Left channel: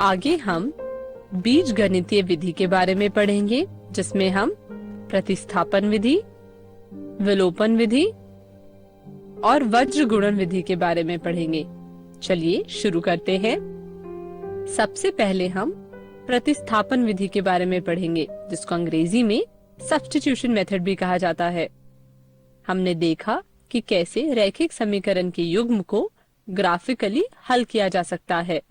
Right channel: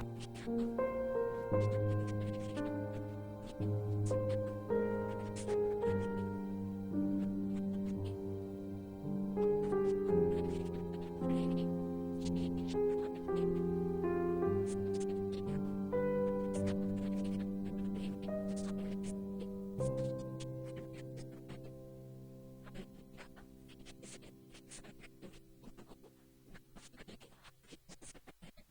आगे हम बीजगणितीय विधि के बारे में पढ़ेंगे, जिसमें हम प्रतिस्थापन विधि, विलोपन विधि और वज्र गुणन विधि के बारे में पढ़ेंगे। चलिए शुरू करते हैं। सबसे पहले हम प्रतिस्थापन विधि के बारे में पढ़ेंगे, जिसको अंग्रेजी में सब्स्टिट्यूशन मेथड भी कहा जाता है। हमने देखा कि कैसे रैखिक समीकरण के युग्म को ग्राफिकली हल किया जा सकता है।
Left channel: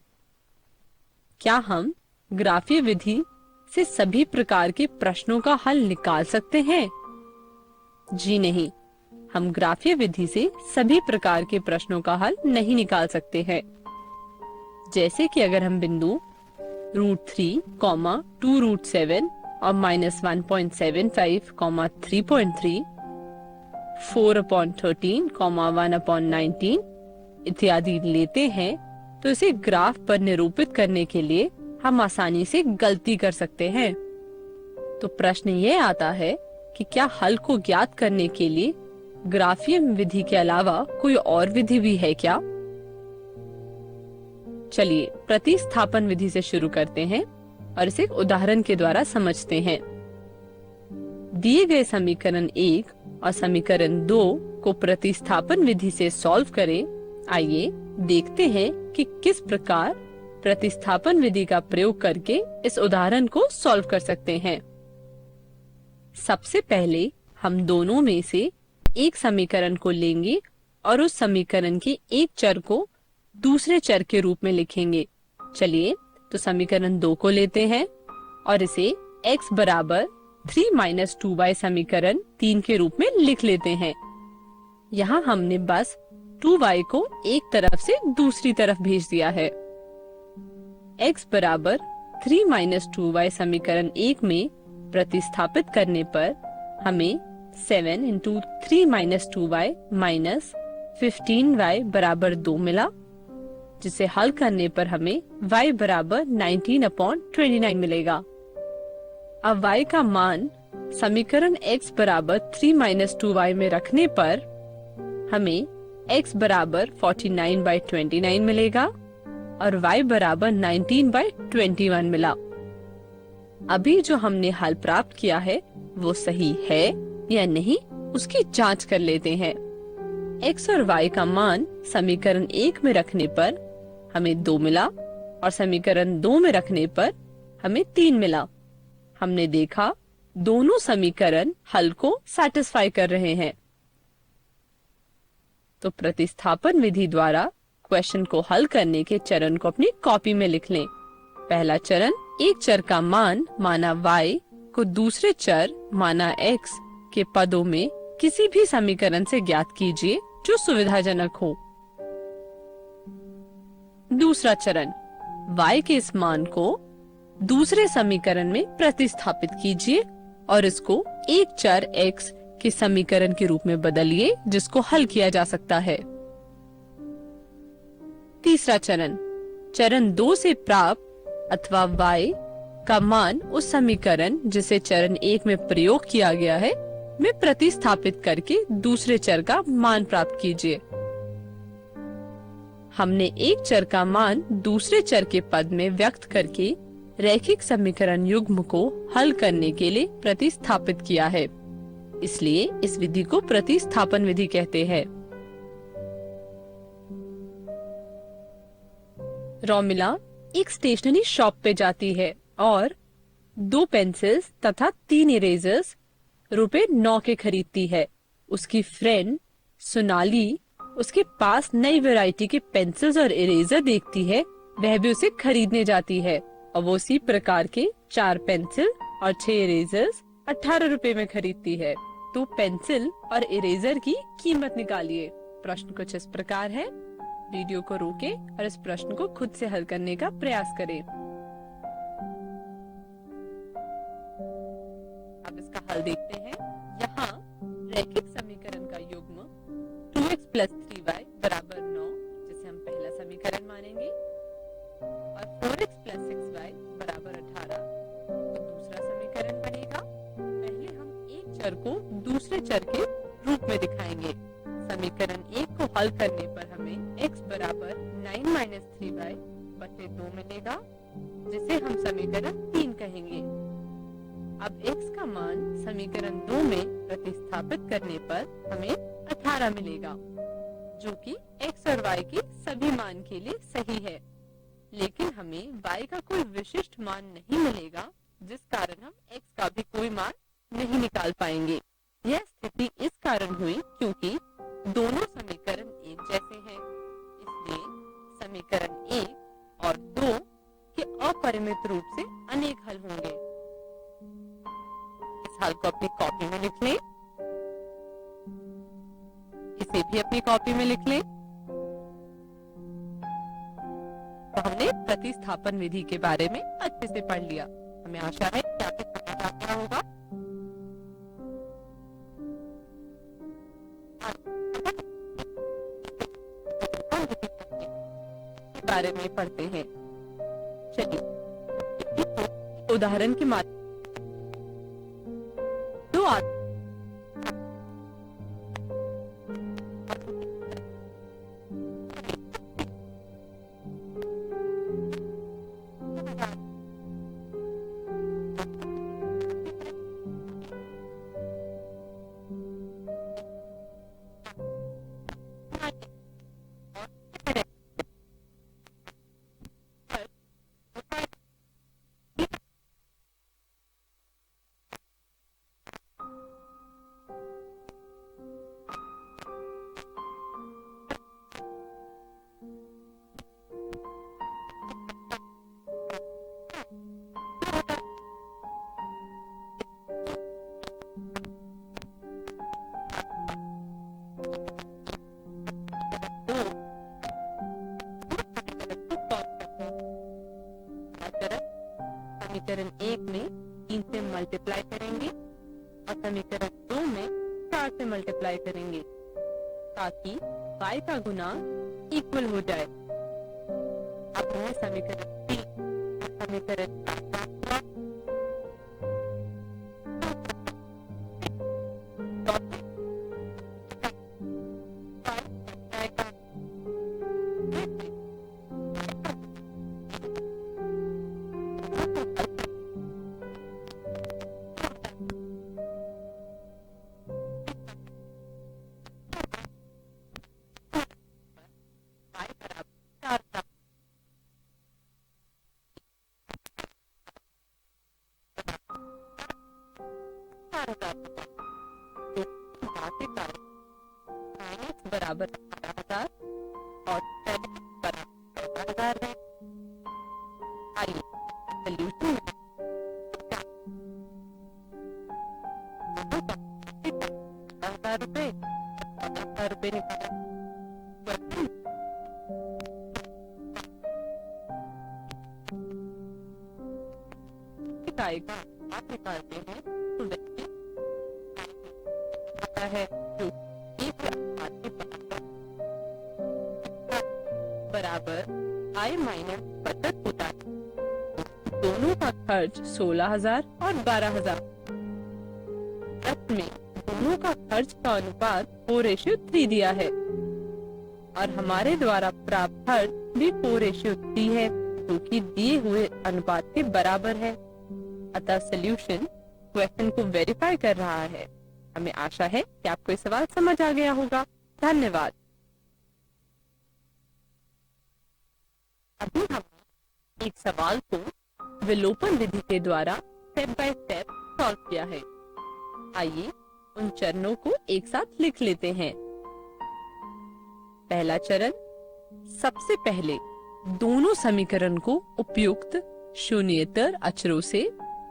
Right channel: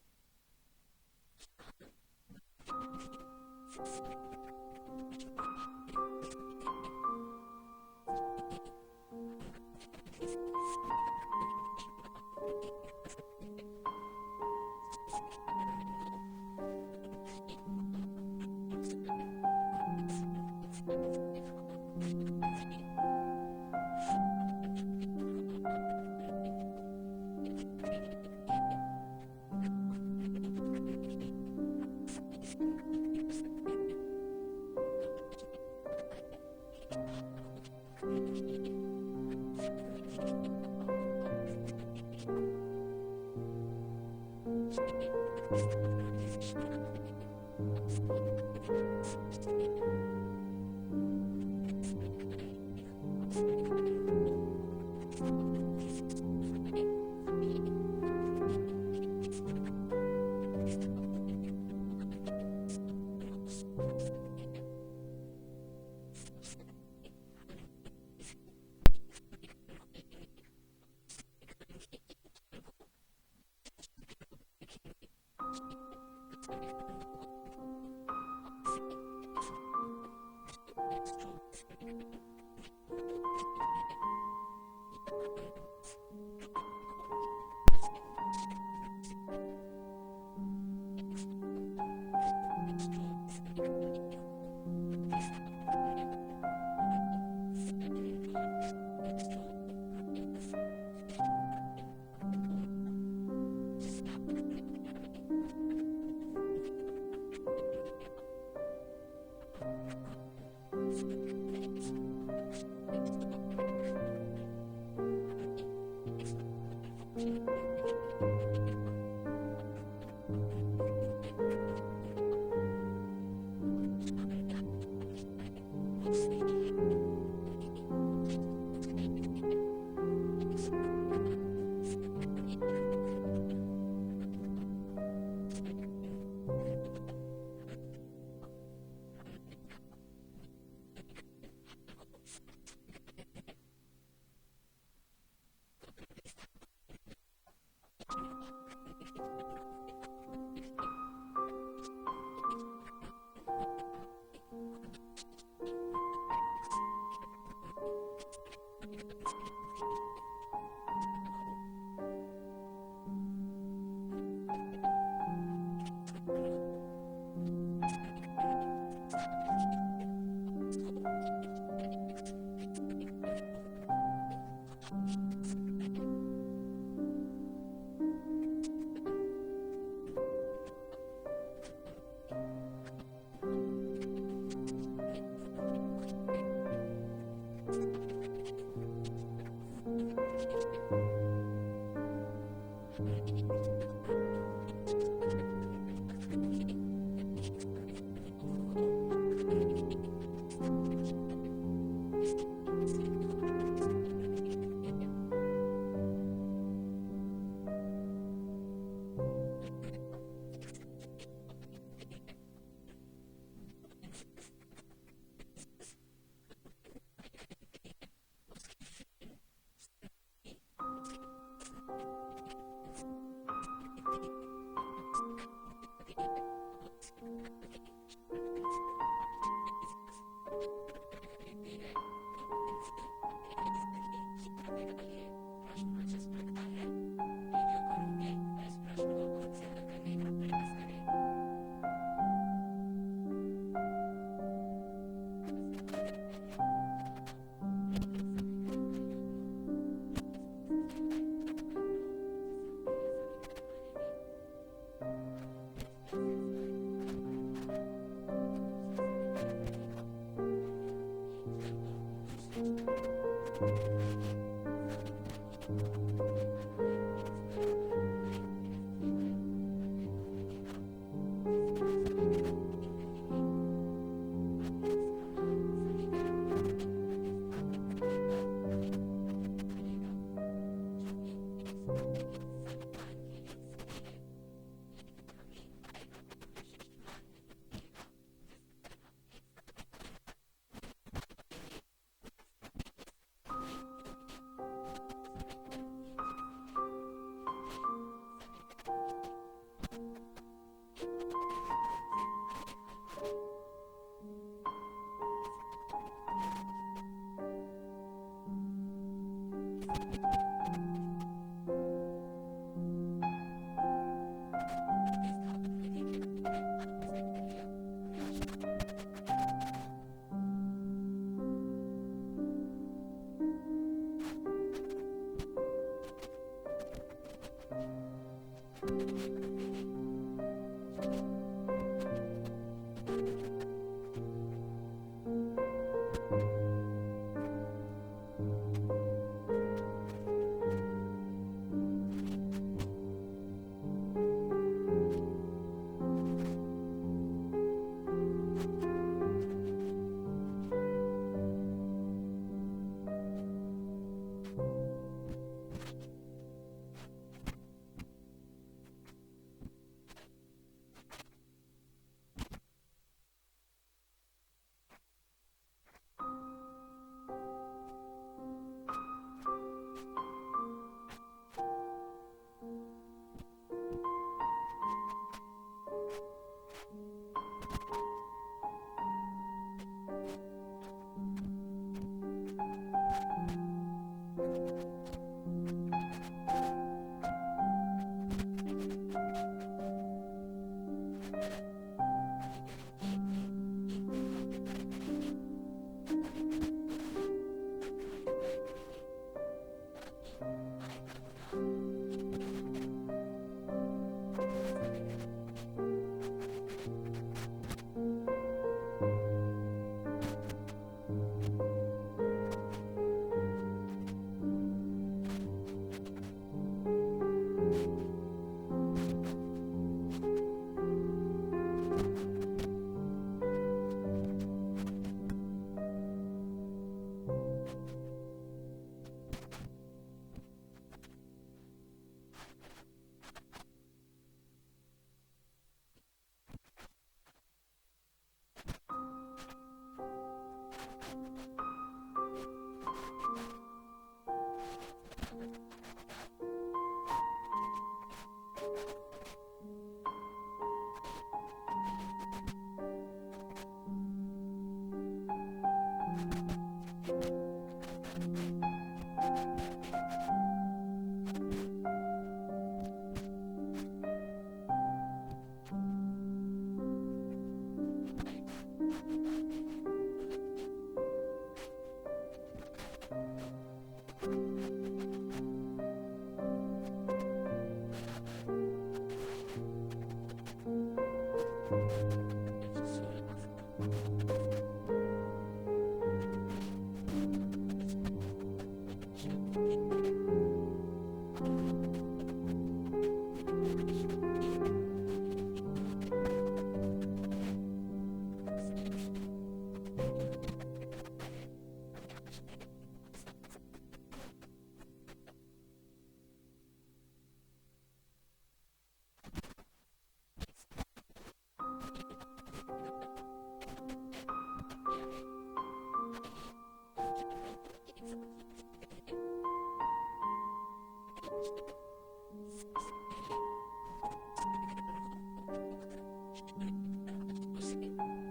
क्या हम ग्राफीय विधि से सभी प्रकार के प्रश्नों का हल निकाल सकते हैं? जी नहीं, हम ग्राफीय विधि से सभी प्रकार के प्रश्नों का हल नहीं निकाल सकते हैं। जैसे कि अगर हम बिंदु √3, 2√7 और -1.75, 3.3, 4/13, 1/19 इत्यादि लेते हैं, तो इसे ग्राफ पर निरूपित करने के लिए हम आसानी से गलती कर सकते हैं। तो प्रश्न ये आता है कि क्या हल को ज्ञात करने के लिए ग्राफीय विधि के अलावा कोई और विधि भी है क्या? चलिए प्रतिस्थापन विधि से शुरू करते हैं और इसे एक उदाहरण के द्वारा समझते हैं। दिए गए समीकरण 1 और समीकरण 2 को प्रतिस्थापन विधि से सॉल्व करें। आइए देखते हैं कि किस प्रकार प्रतिस्थापन विधि का प्रयोग करके इस उदाहरण को सॉल्व कर सकते हैं। सबसे पहले हम दोनों में से एक समीकरण को लेंगे और उस समीकरण के एक चर को दूसरे चर के रूप में लिखेंगे। चलिए तो समीकरण 2 को लेते हैं और इसे x बराबर 3 - 2y समीकरण 3 के रूप में लिख लेते हैं। यहाँ हमने बस 2y को एक तरफ से दूसरी तरफ भेज दिया है। x बराबर 3 - 2y समीकरण 1 में प्रतिस्थापित करने पर हमें 7 × 3 - 2y - 15y बराबर 2 मिला, जिसे हल करने पर हमें y बराबर 19/29 मिलेगा। अब y का मान समीकरण x बराबर 3 - 2y में रखने पर हमें x बराबर 49/29 मिलेगा और y बराबर 19/21 मिला। अभी जो हमने हल प्राप्त किया है वो सही है या नहीं, उसकी जांच कर लेते हैं। x और y का मान समीकरण 1 में रखने पर हमें 2 मिला और समीकरण 2 में रखने पर हमें 3 मिला। हमने देखा दोनों समीकरण हल को सैटिस्फाई कर रहे हैं। तो प्रतिस्थापन विधि द्वारा क्वेश्चन को हल करने के चरण को अपनी कॉपी में लिख लें। पहला चरण, एक चर का मान माना y को दूसरे चर माना x के पदों में किसी भी समीकरण से ज्ञात कीजिए जो सुविधाजनक हो। दूसरा चरण, y के इस मान को दूसरे समीकरण में प्रतिस्थापित कीजिए और इसको एक चर x के समीकरण के रूप में बदलिए, जिसको हल किया जा सकता है। तीसरा चरण, चरण 2 से प्राप्त अथवा y का मान उस समीकरण जिसे चरण 1 में प्रयोग किया गया है में प्रतिस्थापित करके दूसरे चर का मान प्राप्त कीजिए। हमने एक चर का मान दूसरे चर के पद में व्यक्त करके रैखिक समीकरण युग्म को हल करने के लिए प्रतिस्थापित किया है, इसलिए इस विधि को प्रतिस्थापन विधि कहते हैं। रोमिला एक स्टेशनरी शॉप पे जाती है और 2 पेंसिल्स तथा 3 इरेजर्स ₹9 के खरीदती है। उसकी फ्रेंड सोनाली उसके पास नई वैरायटी के पेंसिल्स और इरेजर देखती है, वह भी उसे खरीदने जाती है और वो उसी प्रकार के 4 पेंसिल और 6 इरेजर्स 18 रुपए में खरीदती है। तो पेंसिल और इरेजर की कीमत निकालिए। प्रश्न कुछ इस प्रकार है। वीडियो को रोकें और इस प्रश्न को खुद से हल करने का प्रयास करें। अब इसका हल देखते हैं। यहाँ रैखिक समीकरण का युग्म 2x + 3y बराबर 9, जिसे हम पहला समीकरण मानेंगे, और 4x + 6y बराबर 18 तो दूसरा समीकरण बनेगा। पहले हम एक चर को दूसरे चर के रूप में दिखाएंगे। समीकरण 1 को हल करने पर हमें x बराबर 9 - 3y बटे 2 मिलेगा, जिसे हम समीकरण 3 कहेंगे। अब x का मान समीकरण 2 में प्रतिस्थापित करने पर हमें 18 मिलेगा, जो कि x और y के सभी मान के लिए सही है। लेकिन हमें y का कोई विशिष्ट मान नहीं मिलेगा, जिस कारण हम x का भी कोई मान नहीं निकाल पाएंगे। यह स्थिति इस कारण हुई क्योंकि दोनों समीकरण एक जैसे हैं, इसलिए समीकरण 1 और 2 के अपरिमित रूप से अनेक हल होंगे। इस हल को अपनी कॉपी में लिख लें, इसे भी अपनी कॉपी में लिख लें। तो हमने प्रतिस्थापन विधि के बारे में अच्छे से पढ़ लिया। हमें आशा है कि आपको समझ आ गया होगा। के बारे में पढ़ते हैं। चलिए उदाहरण के माध्यम दो समीकरण 1 में 3 से मल्टीप्लाई करेंगे और समीकरण 2 में 4 से मल्टीप्लाई करेंगे, ताकि y का गुणांक इक्वल हो जाए। अब हमें समीकरण 3 और समीकरण 4 बराबर 12,000 और 10 बराबर 12,000 है। आइए सॉल्यूशन 10,000 रुपए और 10,000 रुपए निकाला। आप निकालते हैं तो व्यक्ति आता है जो एक बराबर आय माइनस बचत होता है। दोनों का खर्च 16,000 और 12,000। में दोनों का खर्च का अनुपात 4:3 दिया है और हमारे द्वारा प्राप्त खर्च भी 4:3 है, जो कि दिए हुए अनुपात के बराबर है। अतः सॉल्यूशन क्वेश्चन को वेरीफाई कर रहा है। हमें आशा है कि आपको ये सवाल समझ आ गया होगा। धन्यवाद। अभी हमने एक सवाल को विलोपन विधि के द्वारा स्टेप बाय स्टेप सॉल्व किया है। आइए उन चरणों को एक साथ लिख लेते हैं। पहला चरण, सबसे पहले दोनों समीकरण को उपयुक्त शून्येतर अक्षरों से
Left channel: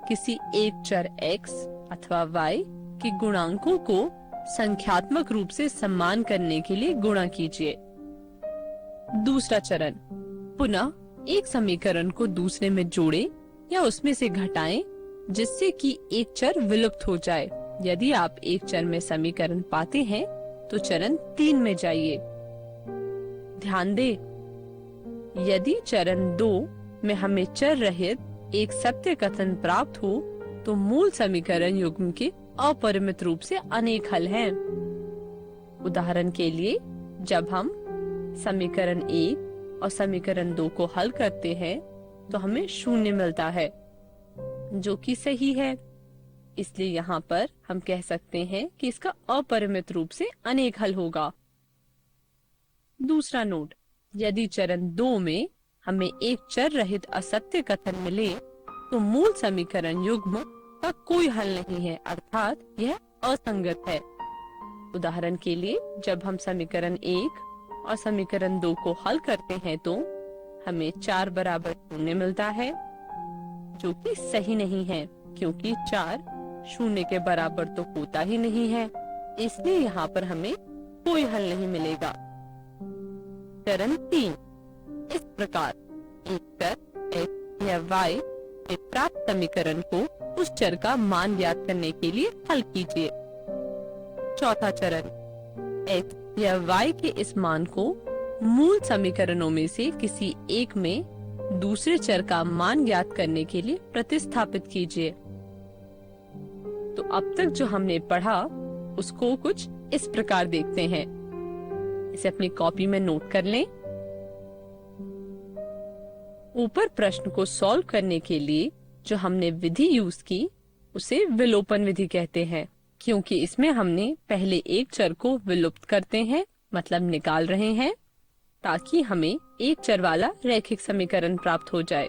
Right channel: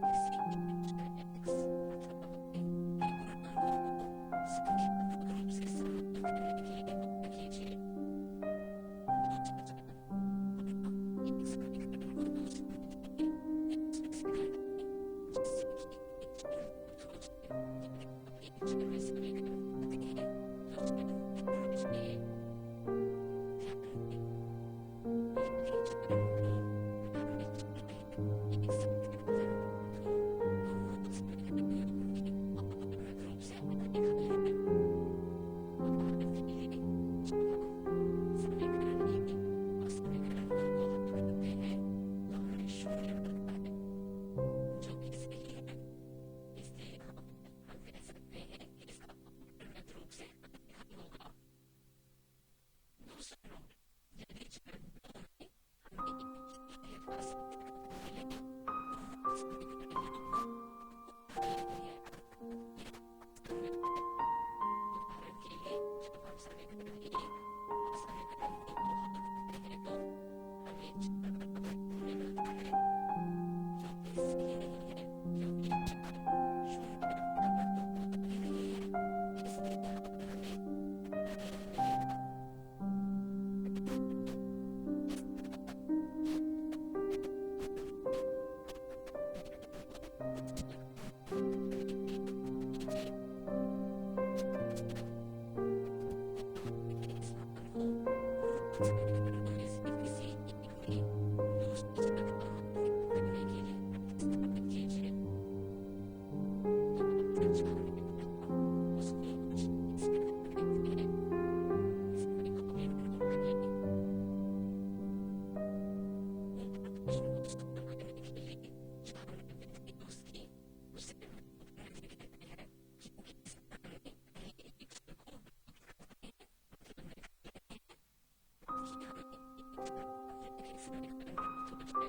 किसी एक चर x अथवा y के गुणांकों को संख्यात्मक रूप से सम्मान करने के लिए गुणा कीजिए। दूसरा चरण, पुनः एक समीकरण को दूसरे में जोड़ें या उसमें से घटाएं जिससे कि एक चर विलुप्त हो जाए। यदि आप एक चर में समीकरण पाते हैं तो चरण 3 में जाइए। ध्यान दें, यदि चरण 2 में हमें चर रहित एक सत्य कथन प्राप्त हो तो मूल समीकरण युग्म के अपरिमित रूप से अनेक हल हैं। उदाहरण के लिए, जब हम समीकरण 1 और समीकरण 2 को हल करते हैं तो हमें 0 मिलता है, जो कि सही है। इसलिए यहाँ पर हम कह सकते हैं कि इसका अपरिमित रूप से अनेक हल होगा। दूसरा नोट, यदि चरण 2 में हमें एक चर रहित असत्य कथन मिले तो मूल समीकरण युग्म का कोई हल नहीं है, अर्थात यह असंगत है। उदाहरण के लिए जब हम समीकरण 1 और समीकरण 2 को हल करते हैं तो हमें 4 बराबर 0 मिलता है, जो कि सही नहीं है, क्योंकि 4 0 के बराबर तो होता ही नहीं है। इसलिए यहाँ पर हमें कोई हल नहीं मिलेगा। चरण 3, इस प्रकार एक चर x या y में प्राप्त समीकरण को उस चर का मान ज्ञात करने के लिए हल कीजिए। चौथा चरण, x या y के इस मान को मूल समीकरणों में से किसी एक में दूसरे चर का मान ज्ञात करने के लिए प्रतिस्थापित कीजिए। तो अब तक जो हमने पढ़ा उसको कुछ इस प्रकार देखते हैं। इसे अपनी कॉपी में नोट कर लें। ऊपर प्रश्न को सॉल्व करने के लिए जो हमने विधि यूज की उसे विलोपन विधि कहते हैं, क्योंकि इसमें हमने पहले एक चर को विलुप्त करते हैं, मतलब निकाल रहे हैं, ताकि हमें एक चर वाला रैखिक समीकरण प्राप्त हो जाए।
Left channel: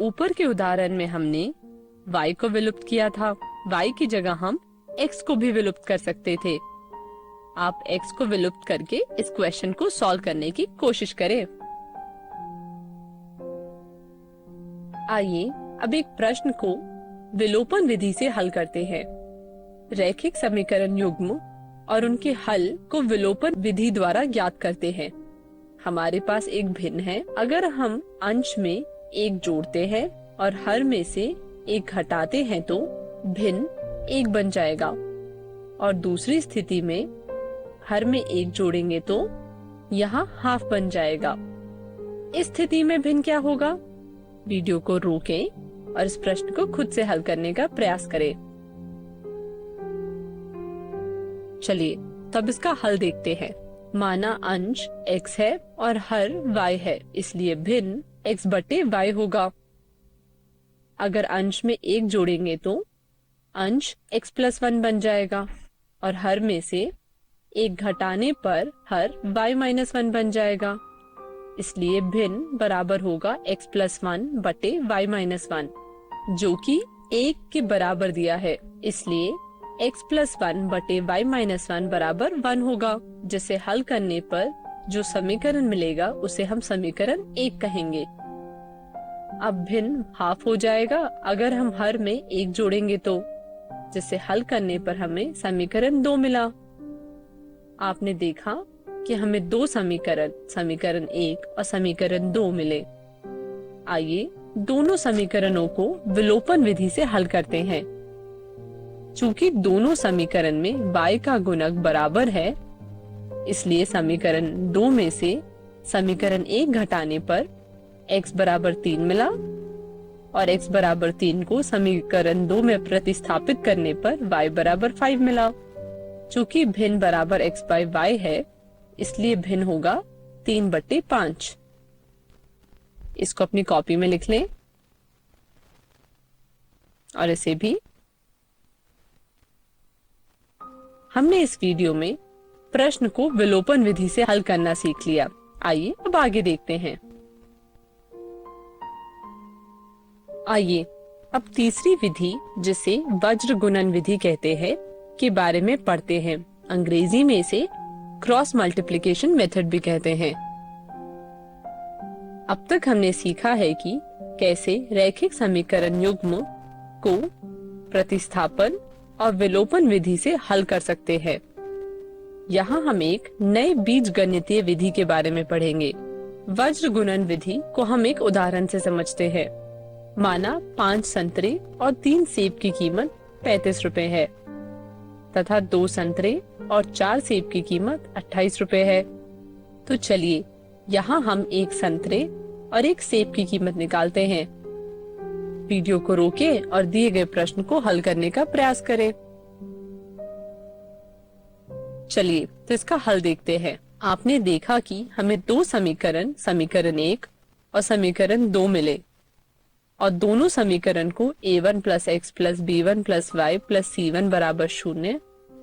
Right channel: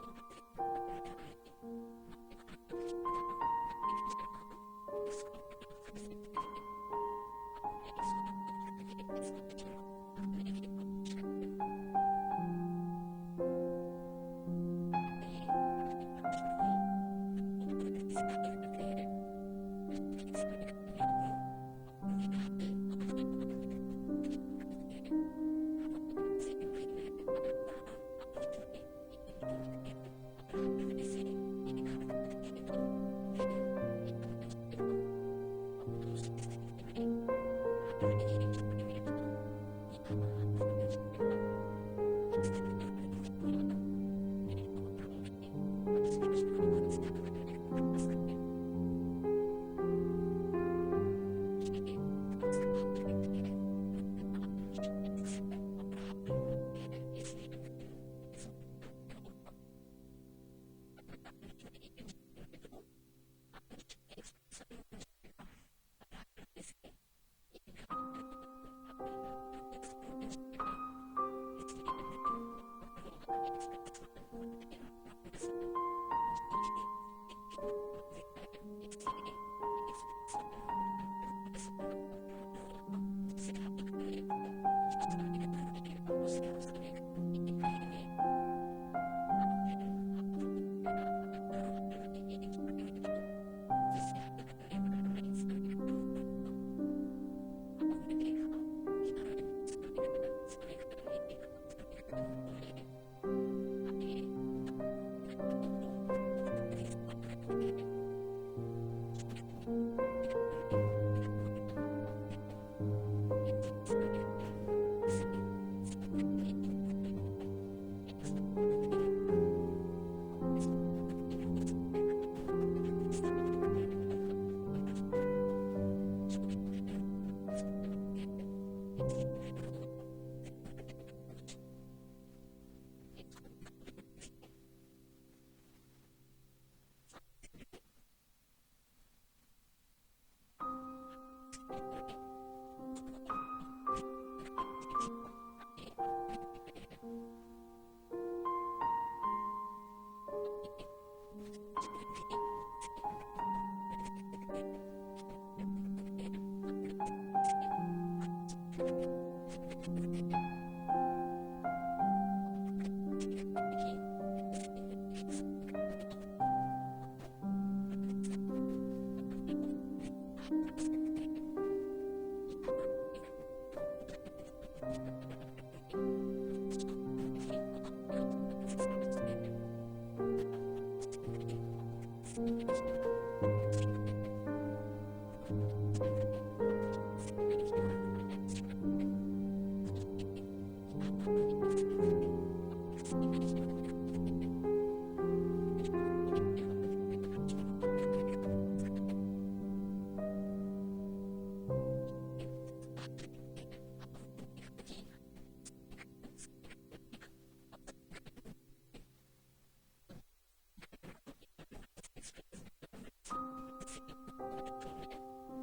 ऊपर के उदाहरण में हमने y को विलुप्त किया था, y की जगह हम x को भी विलुप्त कर सकते थे। आप x को विलुप्त करके इस क्वेश्चन को सॉल्व करने की कोशिश करें। आइए अब एक प्रश्न को विलोपन विधि से हल करते हैं। रैखिक समीकरण युग्म और उनके हल को विलोपन विधि द्वारा ज्ञात करते हैं। हमारे पास एक भिन्न है। अगर हम अंश में एक जोड़ते हैं और हर में से एक घटाते हैं तो भिन्न एक बन जाएगा, और दूसरी स्थिति में हर में एक जोड़ेंगे तो यहाँ हाफ बन जाएगा। इस स्थिति में भिन्न क्या होगा? वीडियो को रोकें और इस प्रश्न को खुद से हल करने का प्रयास करें। चलिए तब इसका हल देखते हैं। माना अंश x है और हर y है, इसलिए भिन्न x बटे y होगा। अगर अंश में एक जोड़ेंगे तो अंश x प्लस 1 बन जाएगा, और हर में से एक घटाने पर हर y माइनस 1 बन जाएगा। इसलिए भिन्न बराबर होगा x प्लस 1 बटे y माइनस 1, जो कि 1 के बराबर दिया है। इसलिए x प्लस 1 बटे y माइनस 1 बराबर 1 होगा, जिसे हल करने पर जो समीकरण मिलेगा उसे हम समीकरण 1 कहेंगे। अब भिन्न हाफ हो जाएगा अगर हम हर में एक जोड़ेंगे तो, जिसे हल करने पर हमें समीकरण 2 मिला। आपने देखा कि हमें दो समीकरण 1 और समीकरण 2 मिले। आइए दोनों समीकरणों को विलोपन विधि से हल करते हैं। चूंकि दोनों समीकरण में y का गुणक बराबर है, इसलिए समीकरण 2 में से समीकरण 1 घटाने पर x बराबर 3 मिला, और x बराबर 3 को समीकरण 2 में प्रतिस्थापित करने पर y बराबर 5 मिला। चूंकि भिन्न बराबर x बाई y है, इसलिए भिन्न होगा 3 बटे 5। इसको अपनी कॉपी में लिख लें और इसे भी। हमने इस वीडियो में प्रश्न को विलोपन विधि से हल करना सीख लिया। आइए अब आगे देखते हैं। आइए अब तीसरी विधि, जिसे वज्र गुणन विधि कहते हैं, के बारे में पढ़ते हैं। अंग्रेजी में इसे क्रॉस मल्टीप्लिकेशन मेथड भी कहते हैं। अब तक हमने सीखा है कि कैसे रैखिक समीकरण युग्म को प्रतिस्थापन और विलोपन विधि से हल कर सकते हैं। यहाँ हम एक नए बीजगणितीय विधि के बारे में पढ़ेंगे। वज्र गुणन विधि को हम एक उदाहरण से समझते हैं। माना 5 संतरे और 3 सेब की कीमत 35 रुपए है, तथा 2 संतरे और 4 सेब की कीमत 28 रुपए है। तो चलिए यहाँ हम एक संतरे और एक सेब की कीमत निकालते हैं। वीडियो को रोकें और दिए गए प्रश्न को हल करने का प्रयास करें। चलिए तो इसका हल देखते हैं। आपने देखा कि हमें दो समीकरण, समीकरण 1 और समीकरण 2 मिले और दोनों समीकरण को a1 plus x plus b1 plus y plus c1 बराबर 0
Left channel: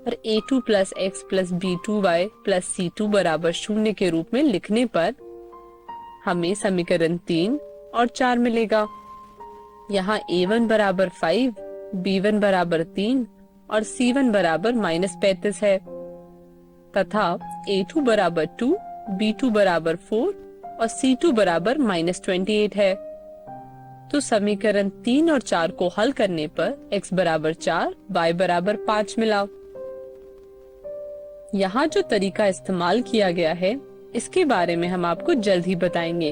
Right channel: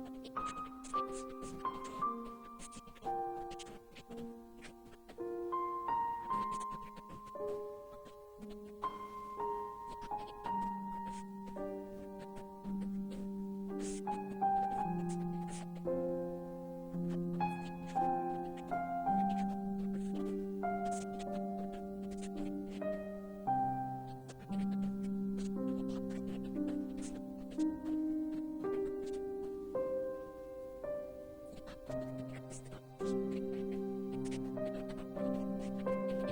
और a2 plus x plus b2 y plus c2 बराबर 0 के रूप में लिखने पर हमें समीकरण 3 और 4 मिलेगा। यहाँ a1 बराबर 5, b1 बराबर 3 और c1 बराबर -35 है तथा a2 बराबर 2, b2 बराबर 4 और c2 बराबर -28 है। तो समीकरण 3 और 4 को हल करने पर x बराबर 4, y बराबर 5 मिला। यहाँ जो तरीका इस्तेमाल किया गया है इसके बारे में हम आपको जल्द ही बताएंगे।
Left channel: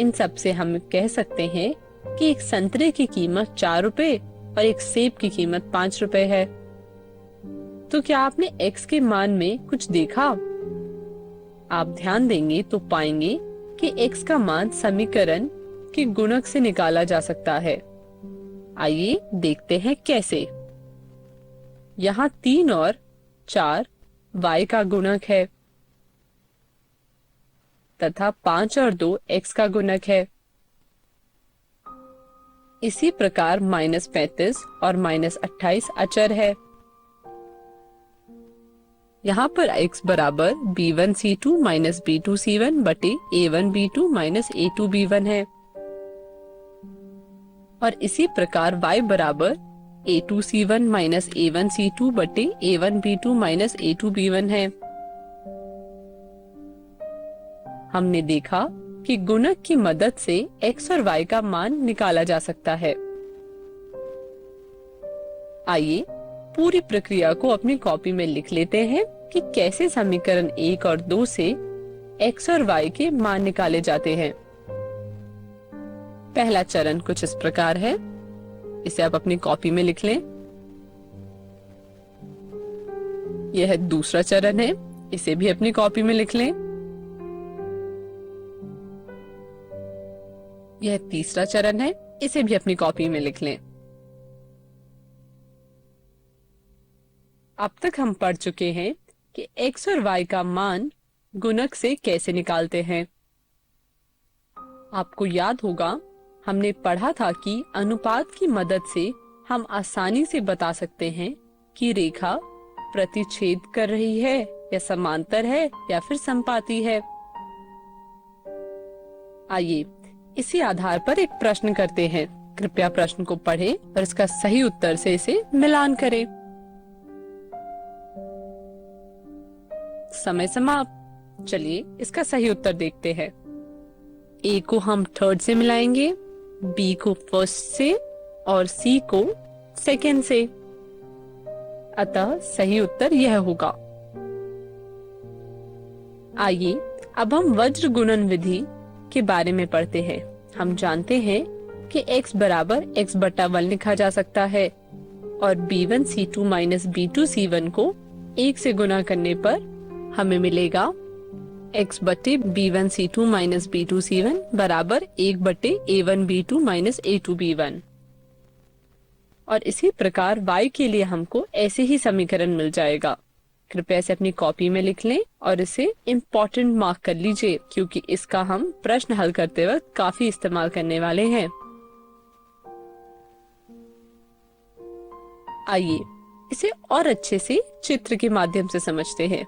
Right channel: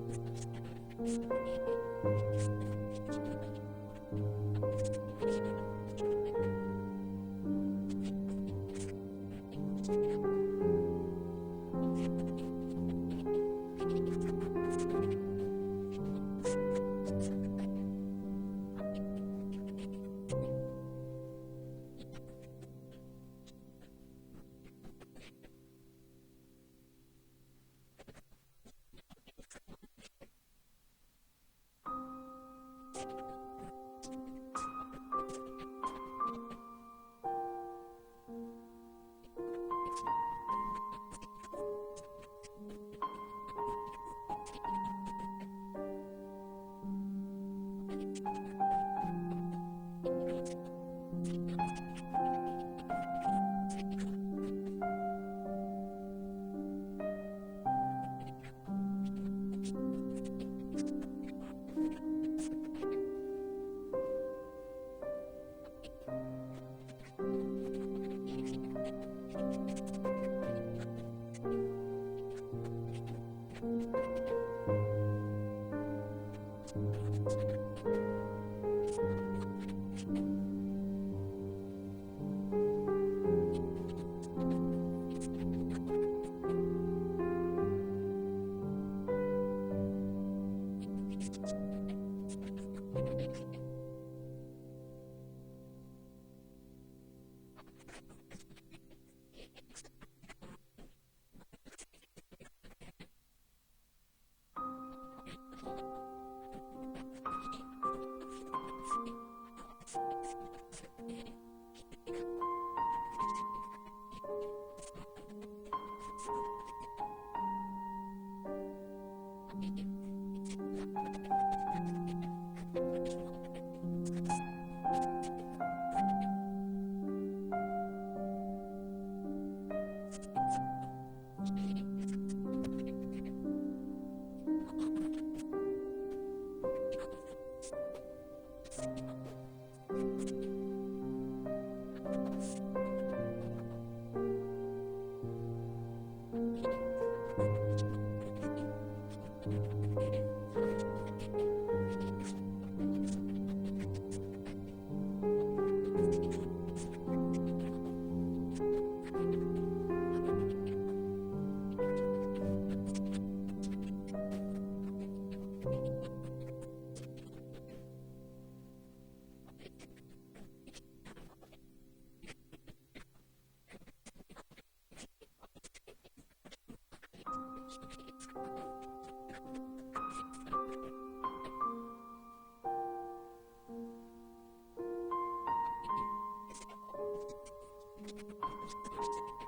इन सब से हम कह सकते हैं कि एक संतरे की कीमत 4 रुपए और एक सेब की कीमत 5 रुपए है। तो क्या आपने x के मान में कुछ देखा? आप ध्यान देंगे तो पाएंगे कि x का मान समीकरण के गुणक से निकाला जा सकता है। आइए देखते हैं कैसे। यहाँ 3 और 4 y का गुणक है तथा 5 और 2 x का गुणक है। इसी प्रकार -35 और -28 अचर है। यहाँ पर x बराबर b1c2 माइनस b2c1 बटे a1b2 माइनस a2b1 है और इसी प्रकार y बराबर a2c1 माइनस a1c2 बटे a1b2 माइनस a2b1 है। हमने देखा कि गुणक की मदद से x और y का मान निकाला जा सकता है। आइए पूरी प्रक्रिया को अपनी कॉपी में लिख लेते हैं कि कैसे समीकरण 1 और 2 से x और y के मान निकाले जाते हैं। पहला चरण कुछ इस प्रकार है, इसे आप अपनी कॉपी में लिख लें। यह दूसरा चरण है, इसे भी अपनी कॉपी में लिख लें। यह तीसरा चरण है, इसे भी अपनी कॉपी में लिख लें। अब तक हम पढ़ चुके हैं कि x और y का मान गुणक से कैसे निकालते हैं। आपको याद होगा हमने पढ़ा था कि अनुपात की मदद से हम आसानी से बता सकते हैं कि रेखा प्रतिच्छेद कर रही है या समांतर है या फिर समपाती है। आइए इसी आधार पर एक प्रश्न करते हैं। कृपया प्रश्न को पढ़ें और इसका सही उत्तर से इसे मिलान करें। समय समाप्त। चलिए इसका सही उत्तर देखते हैं। A को हम थर्ड से मिलाएंगे, B को फर्स्ट से और C को सेकेंड से। अतः सही उत्तर यह होगा। आइए अब हम वज्र गुणन विधि के बारे में पढ़ते हैं। हम जानते हैं कि x बराबर x बटा 1 लिखा जा सकता है और b1c2 माइनस b2c1 को 1 से गुना करने पर हमें मिलेगा x बटे b1c2 माइनस b2c1 बराबर 1 बटे a1b2 माइनस a2b1। और इसी प्रकार y के लिए हमको ऐसे ही समीकरण मिल जाएगा। कृपया इसे अपनी कॉपी में लिख लें और इसे इम्पोर्टेंट मार्क कर लीजिए क्योंकि इसका हम प्रश्न हल करते वक्त काफी इस्तेमाल करने वाले हैं। आइए इसे और अच्छे से चित्र के माध्यम से समझते हैं।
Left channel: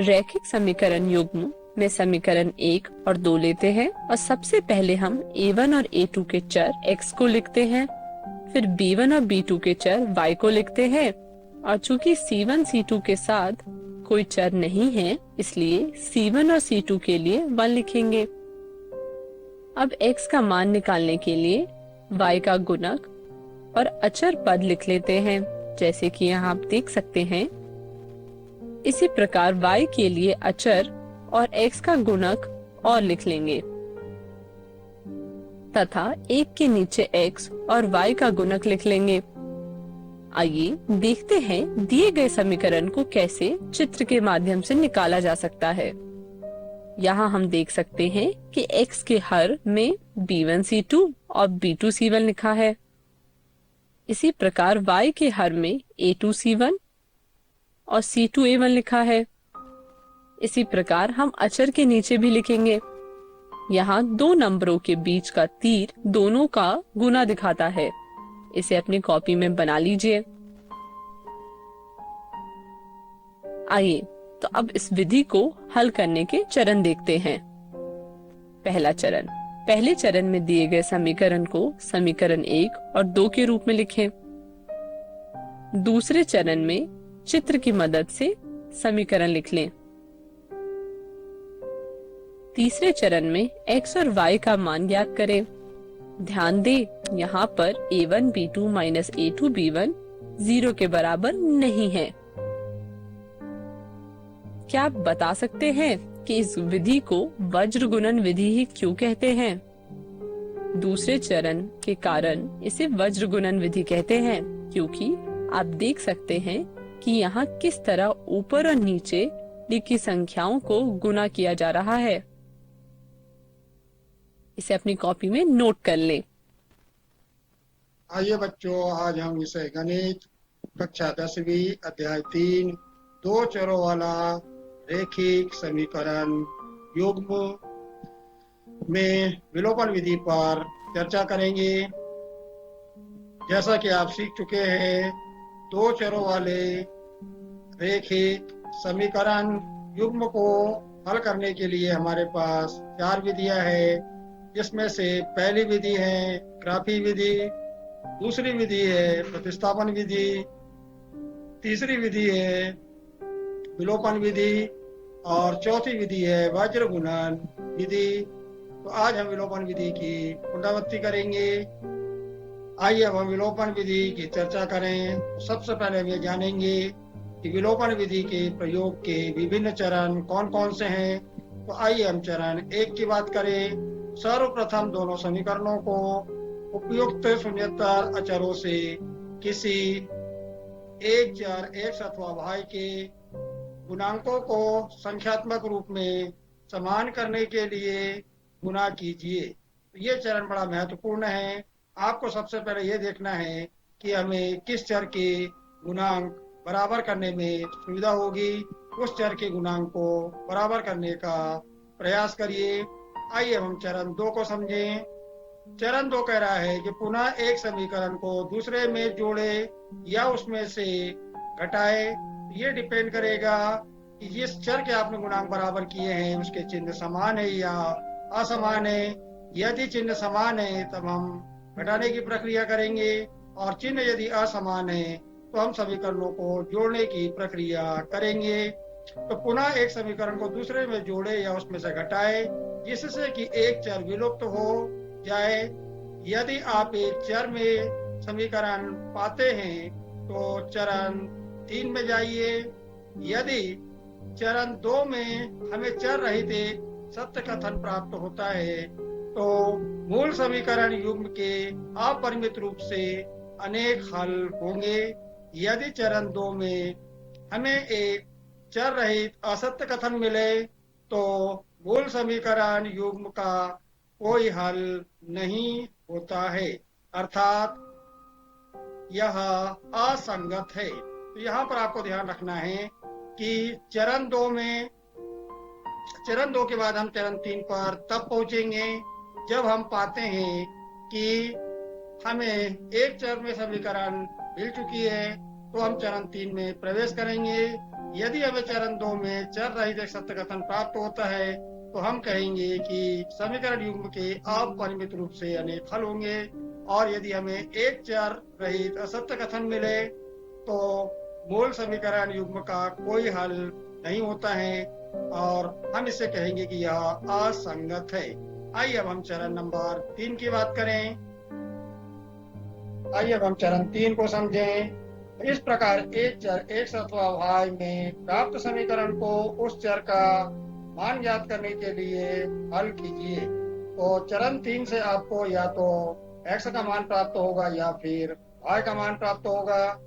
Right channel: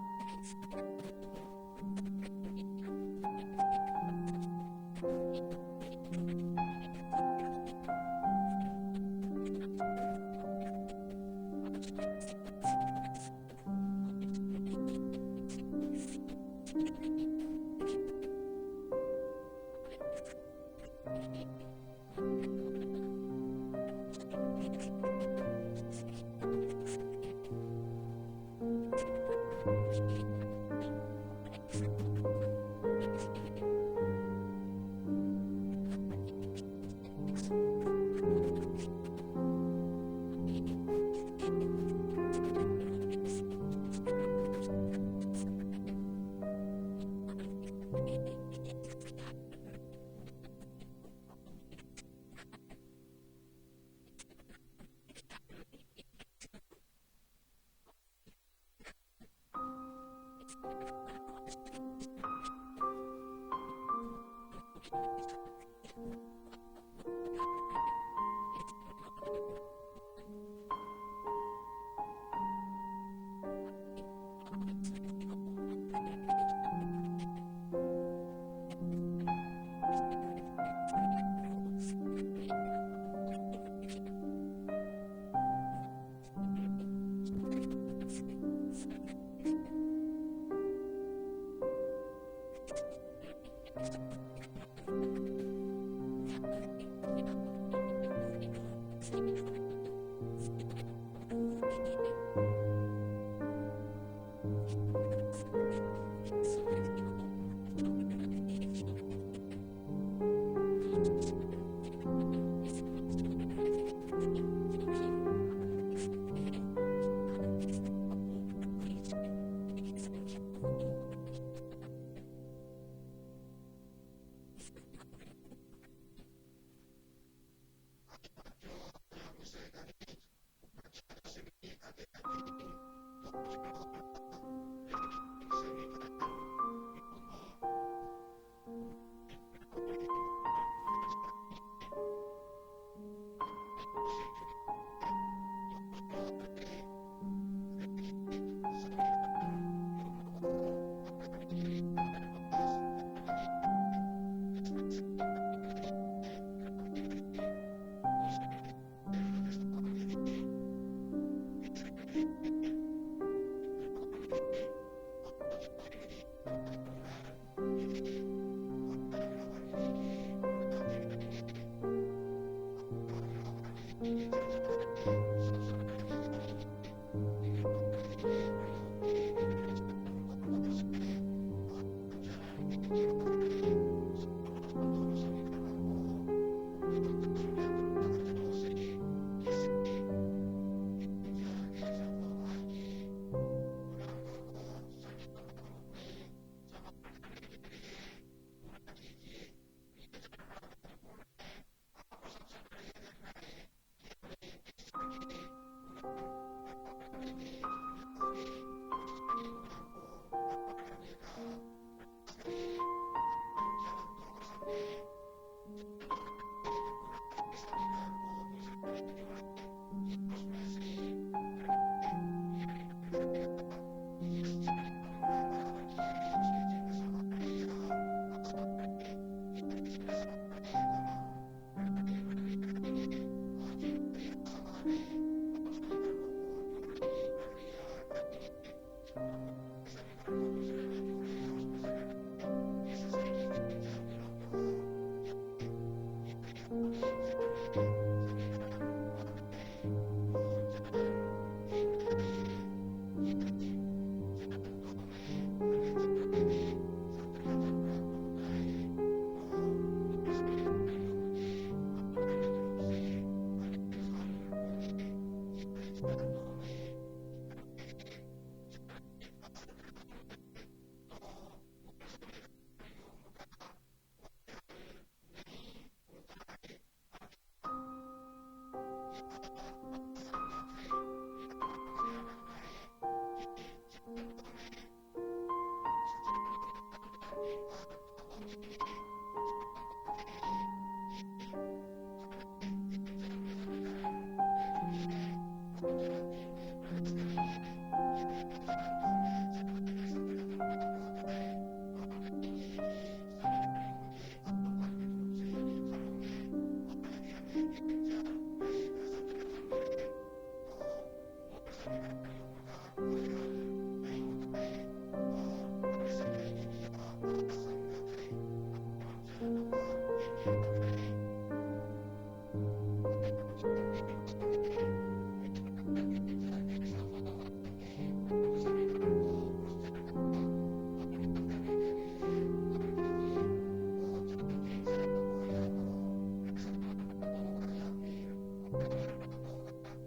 रैखिक समीकरण युग्म में समीकरण 1 और 2 लेते हैं और सबसे पहले हम a1 और a2 के चर x को लिखते हैं, फिर b1 और b2 के चर y को लिखते हैं और चूंकि c1 c2 के साथ कोई चर नहीं है इसलिए c1 और c2 के लिए 1 लिखेंगे। अब x का मान निकालने के लिए y का गुणक और अचर पद लिख लेते हैं, जैसे कि यहाँ आप देख सकते हैं। इसी प्रकार y के लिए अचर और x का गुणक और लिख लेंगे तथा एक के नीचे x और y का गुणक लिख लेंगे। आइए देखते हैं दिए गए समीकरण को कैसे चित्र के माध्यम से निकाला जा सकता है। यहाँ हम देख सकते हैं कि x के हर में b1c2 और b2c1 लिखा है। इसी प्रकार y के हर में a2c1 और c2a1 लिखा है इसी प्रकार हम अचर के नीचे भी लिखेंगे। यहाँ दो नंबरों के बीच का तीर दोनों का गुना दिखाता है। इसे अपनी कॉपी में बना लीजिए। आइए तो अब इस विधि को हल करने के चरण देखते हैं। पहला चरण, पहले चरण में दिए गए समीकरण को समीकरण 1 और 2 के रूप में लिखें। दूसरे चरण में चित्र की मदद से समीकरण लिख लें। तीसरे चरण में x और y का मान ज्ञात करें। ध्यान दें, यहाँ पर a1 b2 minus a2 b1 0 के बराबर नहीं है। क्या आप बता सकते हैं कि इस विधि को वज्र गुणन विधि ही क्यों कहते हैं? दूसरे चरण के कारण इसे वज्र गुणन विधि कहते हैं क्योंकि आप देख सकते हैं कि यहाँ किस तरह ऊपर और नीचे लिखी संख्याओं को गुना किया जा रहा है। इसे अपनी कॉपी में नोट कर लें। आइए बच्चों, आज हम विषय गणित कक्षा 10वीं अध्याय 3 दो चरों वाला रैखिक समीकरण युग्म में विलोपन विधि पर चर्चा करेंगे। जैसा कि आप सीख चुके हैं, दो चरों वाले रैखिक समीकरण युग्म को हल करने के लिए हमारे पास 4 विधियां हैं, जिसमें से पहली विधि है ग्राफी विधि, दूसरी विधि है प्रतिस्थापन विधि, तीसरी विधि है विलोपन विधि और चौथी विधि है वज्र गुणन विधि। तो आज हम विलोपन विधि की पुनरावृत्ति करेंगे। आइए अब हम विलोपन विधि की चर्चा करें। सबसे पहले हम ये जानेंगे कि विलोपन विधि के प्रयोग के विभिन्न चरण कौन कौन से हैं। तो आइए हम चरण 1 की बात करें। सर्वप्रथम दोनों समीकरणों को उपयुक्त शून्येतर अचरों से किसी एक चर x अथवा y के गुणांकों को संख्यात्मक रूप में समान करने के लिए गुणा कीजिए। ये चरण बड़ा महत्वपूर्ण है। आपको सबसे पहले ये देखना है कि हमें किस चर के गुणांक बराबर करने में सुविधा होगी। उस चर के गुणांक को बराबर करने का प्रयास करिए। आइए हम चरण 2 को समझें। चरण 2 कह रहा है कि पुनः एक समीकरण को दूसरे में जोड़े या उसमें से घटाए। ये डिपेंड करेगा कि जिस चर के आपने गुणांक बराबर किए हैं उसके चिन्ह समान है या असमान है। यदि चिन्ह समान है तब हम घटाने की प्रक्रिया करेंगे और चिन्ह यदि असमान है तो हम समीकरणों को जोड़ने की प्रक्रिया करेंगे। तो पुनः एक समीकरण को दूसरे में जोड़े या उसमें से घटाए जिससे कि एक चर विलुप्त हो जाए। यदि आप एक चर में समीकरण पाते हैं तो चरण 3 में जाइए। यदि चरण 2 में हमें चर रहित एक सत्य कथन प्राप्त होता है तो मूल समीकरण युग्म के अपरिमित रूप से अनेक हल होंगे। यदि चरण 2 में हमें एक चर रहित असत्य कथन मिले तो मूल समीकरण युग्म का कोई हल नहीं होता है, अर्थात यह असंगत है। तो यहाँ पर आपको ध्यान रखना है कि चरण 2 के बाद हम चरण 3 पर तब पहुंचेंगे जब हम पाते हैं कि हमें एक चर में समीकरण मिल चुकी है तो हम चरण 3 में प्रवेश करेंगे। यदि हमें चरण 2 में चर रहित एक सत्य कथन प्राप्त होता है तो हम कहेंगे कि समीकरण युग्म के अपरिमित रूप से अनेक हल होंगे। और यदि हमें एक चर रहित असत्य कथन मिले तो मूल समीकरण युग्म का कोई हल नहीं होता है और हम इसे कहेंगे कि यह असंगत है। आइए अब हम चरण नंबर 3 की बात करें। आइए अब हम चरण 3 को समझें। इस प्रकार एक चर x अथवा y में प्राप्त समीकरण को उस चर का मान ज्ञात करने के लिए हल कीजिए। तो चरण 3 से आपको या तो x का मान प्राप्त होगा या फिर y का मान प्राप्त होगा।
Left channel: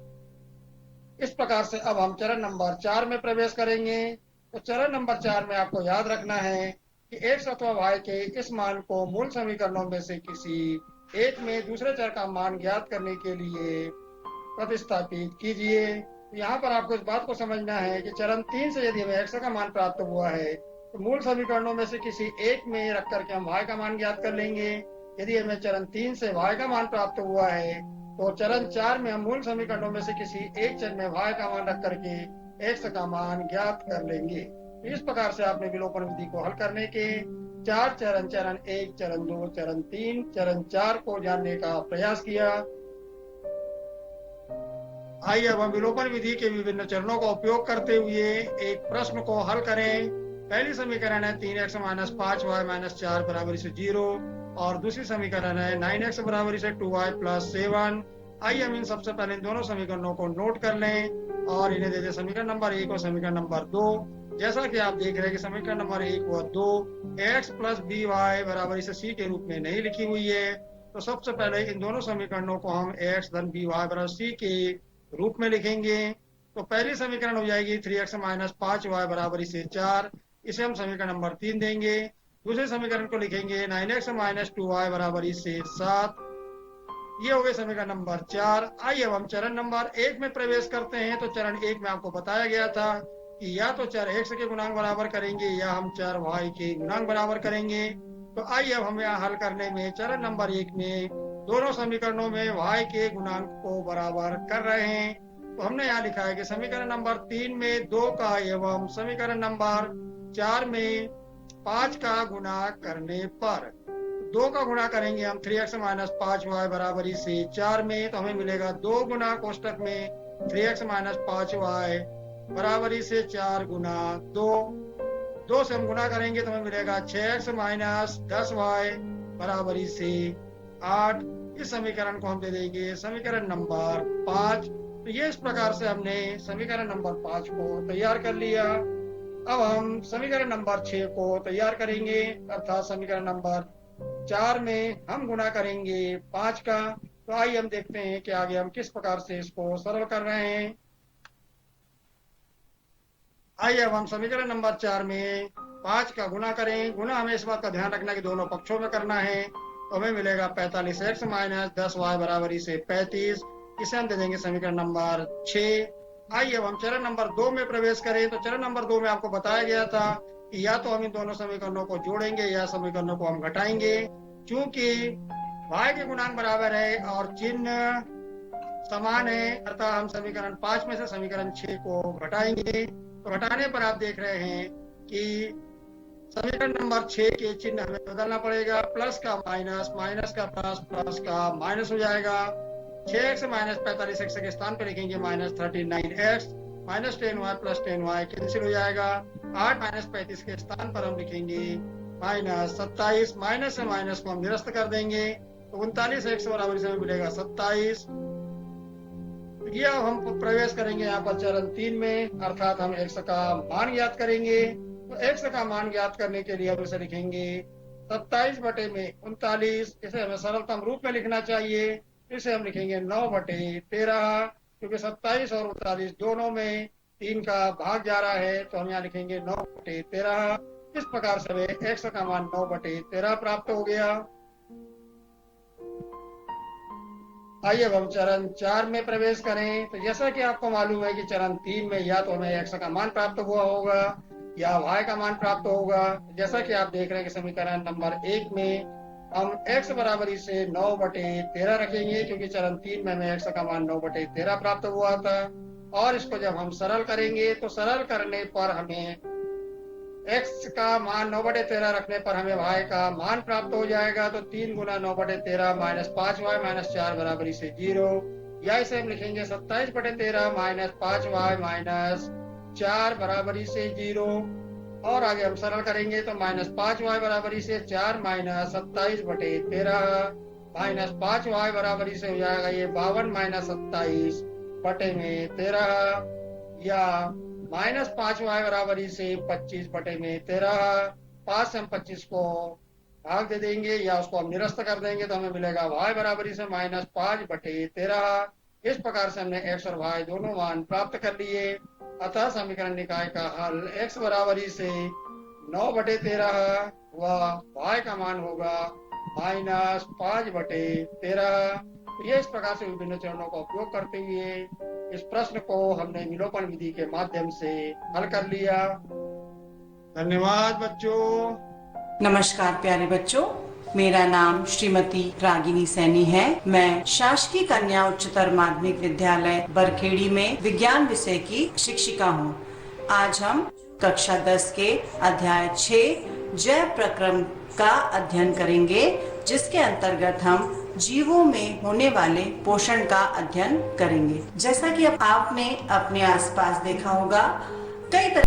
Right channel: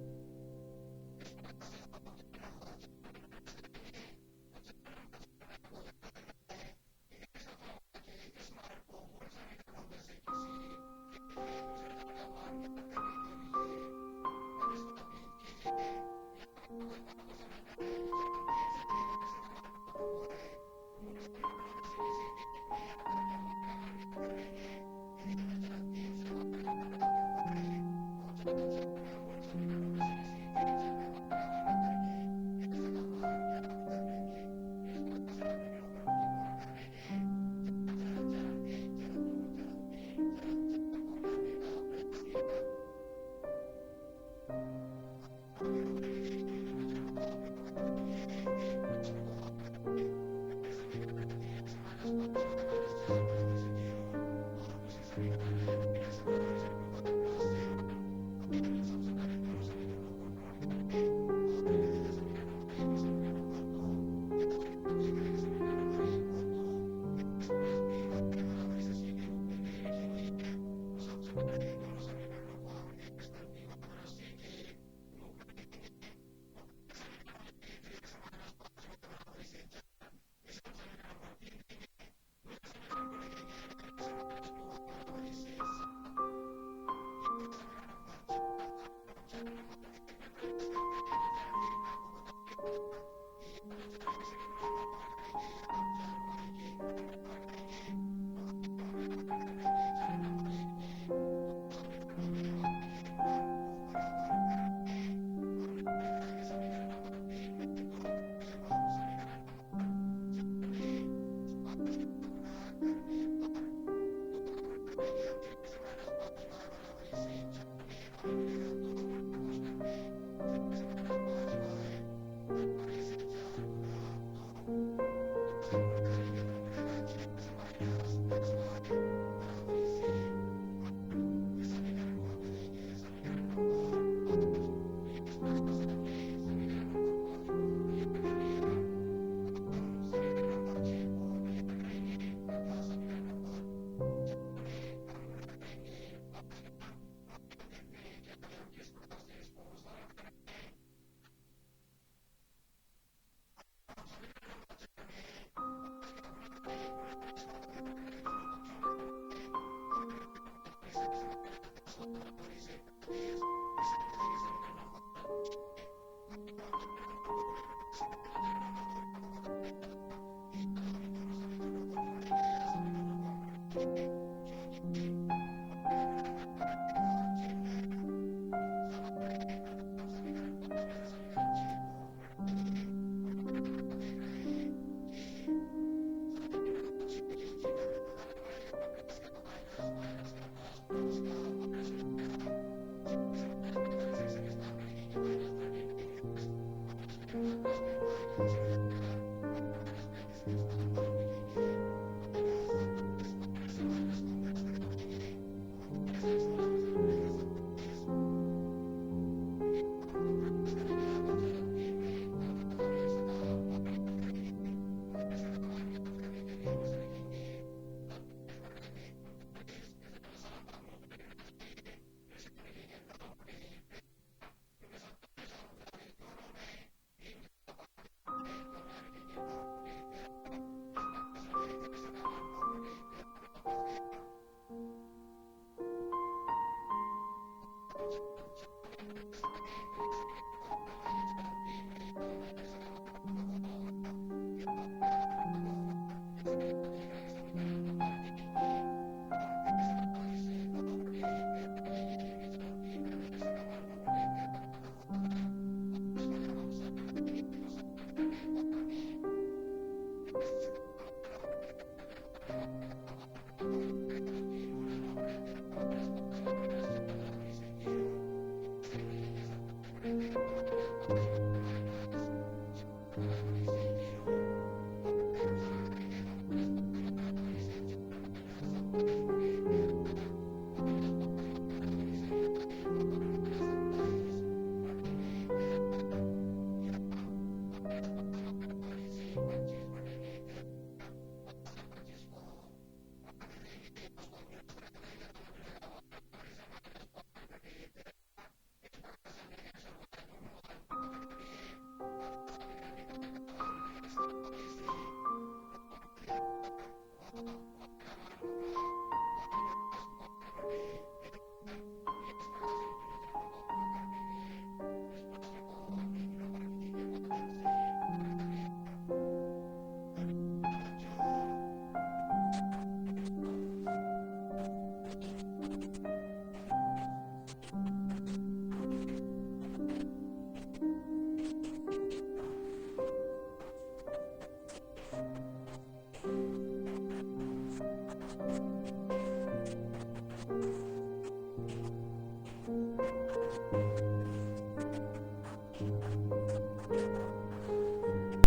इस प्रकार से अब हम चरण नंबर 4 में प्रवेश करेंगे। तो चरण नंबर 4 में आपको याद रखना है कि x अथवा y के इस मान को मूल समीकरणों में से किसी एक में दूसरे चर का मान ज्ञात करने के लिए प्रतिस्थापित कीजिए। यहाँ पर आपको इस बात को समझना है कि चरण 3 से यदि हमें x का मान प्राप्त हुआ है तो मूल समीकरणों में से किसी एक में रख करके हम y का मान ज्ञात कर लेंगे। यदि हमें चरण 3 से y का मान प्राप्त हुआ है तो चरण 4 में हम मूल समीकरणों में से किसी एक चर में y का मान रख करके x का मान ज्ञात कर लेंगे। इस प्रकार से आपने विलोपन विधि को हल करने के 4 चरण, चरण 1, चरण 2, चरण 3, चरण 4 को जानने का प्रयास किया। आइए अब हम विलोपन विधि के विभिन्न चरणों का उपयोग करते हुए एक प्रश्न को हल करें। पहली समीकरण है 3x माइनस 5y माइनस 4 बराबर से 0 और दूसरी समीकरण है 9x बराबर से 2y प्लस 7। आइए हम इन सबसे पहले इन दोनों समीकरणों को नोट कर लें और इन्हें दे दें समीकरण नंबर 1 और समीकरण नंबर 2। जैसा कि आप देख रहे हैं कि समीकरण नंबर 1 व 2 x प्लस बी वाई बराबर से c के रूप में नहीं लिखी हुई है, तो सबसे पहले इन दोनों समीकरणों को हम x धन बी वाई बराबर c के रूप में लिखेंगे। तो पहली समीकरण हो जाएगी 3x माइनस 5y बराबर से 4, इसे हम समीकरण नंबर 3 देंगे। दूसरे समीकरण को लिखेंगे 9x माइनस 2y बराबर से 7, ये हो गए समीकरण नंबर 4। आइए अब हम चरण नंबर 1 में प्रवेश करते हैं। तो चरण 1 में आपको बताया गया था कि या तो चर x के गुणांक बराबर करेंगे या हम चर y के गुणांक बराबर करेंगे। तो आइए अब हम यहाँ हल करने में चरण नंबर 1 में दोनों समीकरणों में y के गुणांक को बराबर कर रहे हैं। तो हमने यहाँ लिखा है कि समीकरण नंबर 3 में 2 का एवं समीकरण नंबर 4 में 5 का गुणा करने पर 2 का गुणा करेंगे हम 3x माइनस 5y बराबर से 4 में, तो हमें मिलेगा 2 गुना कोष्टक में 3x माइनस 5y बराबर से 4 गुना 2। 2 से हम गुणा करेंगे तो हमें मिलेगा 6x माइनस 10y बराबर से 8। इस समीकरण को हम दे देंगे समीकरण नंबर 5। तो ये इस प्रकार से हमने समीकरण नंबर 5 को तैयार कर लिया। अब हम समीकरण नंबर 6 को तैयार करेंगे, अर्थात समीकरण नंबर 4 में हम गुणा करेंगे 5 का। तो आइए हम देखते हैं कि आगे हम किस प्रकार से इसको सरल कर रहे हैं। आइए अब हम समीकरण नंबर 4 में 5 का गुणा करें। गुणा हमें इस बात का ध्यान रखना है कि दोनों पक्षों में करना है। तो हमें मिलेगा 45x माइनस 10y बराबर से 35, इसे हम दे देंगे समीकरण नंबर 6। आइए अब हम चरण नंबर 2 में प्रवेश करें। तो चरण नंबर 2 में आपको बताया गया था कि या तो हम इन दोनों समीकरणों को जोड़ेंगे या समीकरणों को हम घटाएंगे। चूंकि y के गुणांक बराबर है और चिन्ह समान है, अर्थात हम समीकरण 5 में से समीकरण 6 को घटाएंगे। तो घटाने पर आप देख रहे हैं कि समीकरण नंबर 6 के चिन्ह हमें बदलना पड़ेगा। प्लस का माइनस, माइनस का प्लस, प्लस का माइनस हो जाएगा। 6x माइनस 45x के स्थान पर लिखेंगे minus 39x, minus 10y plus 10y cancel हो जाएगा। 8 माइनस 35 के स्थान पर हम लिखेंगे माइनस 27, माइनस से माइनस को हम निरस्त कर देंगे तो 39x बराबर से हमें मिलेगा 27। ये अब हम प्रवेश करेंगे यहाँ पर चरण 3 में, अर्थात हम x का मान ज्ञात करेंगे। तो x का मान ज्ञात करने के लिए हम इसे लिखेंगे 27 बटे में 39, इसे हमें सरलतम रूप में लिखना चाहिए। इसे हम लिखेंगे 9 बटे 13, क्योंकि 27 और 39 दोनों में 3 का भाग जा रहा है, तो हम यहाँ लिखेंगे 9 बटे 13। इस प्रकार से हमें x का मान 9 बटे 13 प्राप्त हो गया। आइए अब हम चरण 4 में प्रवेश करें। तो जैसा कि आपको मालूम है कि चरण 3 में या तो हमें x का मान प्राप्त हुआ होगा या y का मान प्राप्त होगा। जैसा कि आप देख रहे हैं कि समीकरण नंबर 1 में हम x बराबर से 9 बटे 13 रखेंगे, क्योंकि चरण 3 में हमें x का मान 9 बटे 13 प्राप्त हुआ था। और इसको जब हम सरल करेंगे तो सरल करने पर हमें x का मान 9 बटे 13 रखने पर हमें y का मान प्राप्त हो जाएगा। तो 3 गुना 9 बटे 13 माइनस 5y माइनस 4 बराबर से 0, या इसे हम लिखेंगे 27 बटे 13 माइनस 5y माइनस 4 बराबर से 0। और आगे हम सरल करेंगे तो माइनस 5y बराबर से 4 माइनस 27 बटे 13 माइनस 5y बराबर से हो जाएगा ये 52 माइनस 27 बटे में 13, या माइनस 5y बराबर से 25 बटे में 13। 5 से हम 25 को भाग दे देंगे या उसको हम निरस्त कर देंगे तो हमें मिलेगा y बराबर से माइनस 5 बटे 13। इस प्रकार से हमने x और y दोनों मान प्राप्त कर लिए। अतः समीकरण निकाय का हल x बराबर से 9 बटे 13 व y का मान होगा -5/13। ये इस प्रकार से विभिन्न चरणों का उपयोग करते हुए इस प्रश्न को हमने विलोपन विधि के माध्यम से हल कर लिया। धन्यवाद बच्चों। नमस्कार प्यारे बच्चों, मेरा नाम श्रीमती रागिनी सैनी है। मैं शासकीय कन्या उच्चतर माध्यमिक विद्यालय बरखेड़ी में विज्ञान विषय की शिक्षिका हूँ। आज हम कक्षा 10 के अध्याय 6 जैव प्रक्रम का अध्ययन करेंगे, जिसके अंतर्गत हम जीवों में होने वाले पोषण का अध्ययन करेंगे। जैसा कि अब आपने अपने आसपास देखा होगा, कई तरह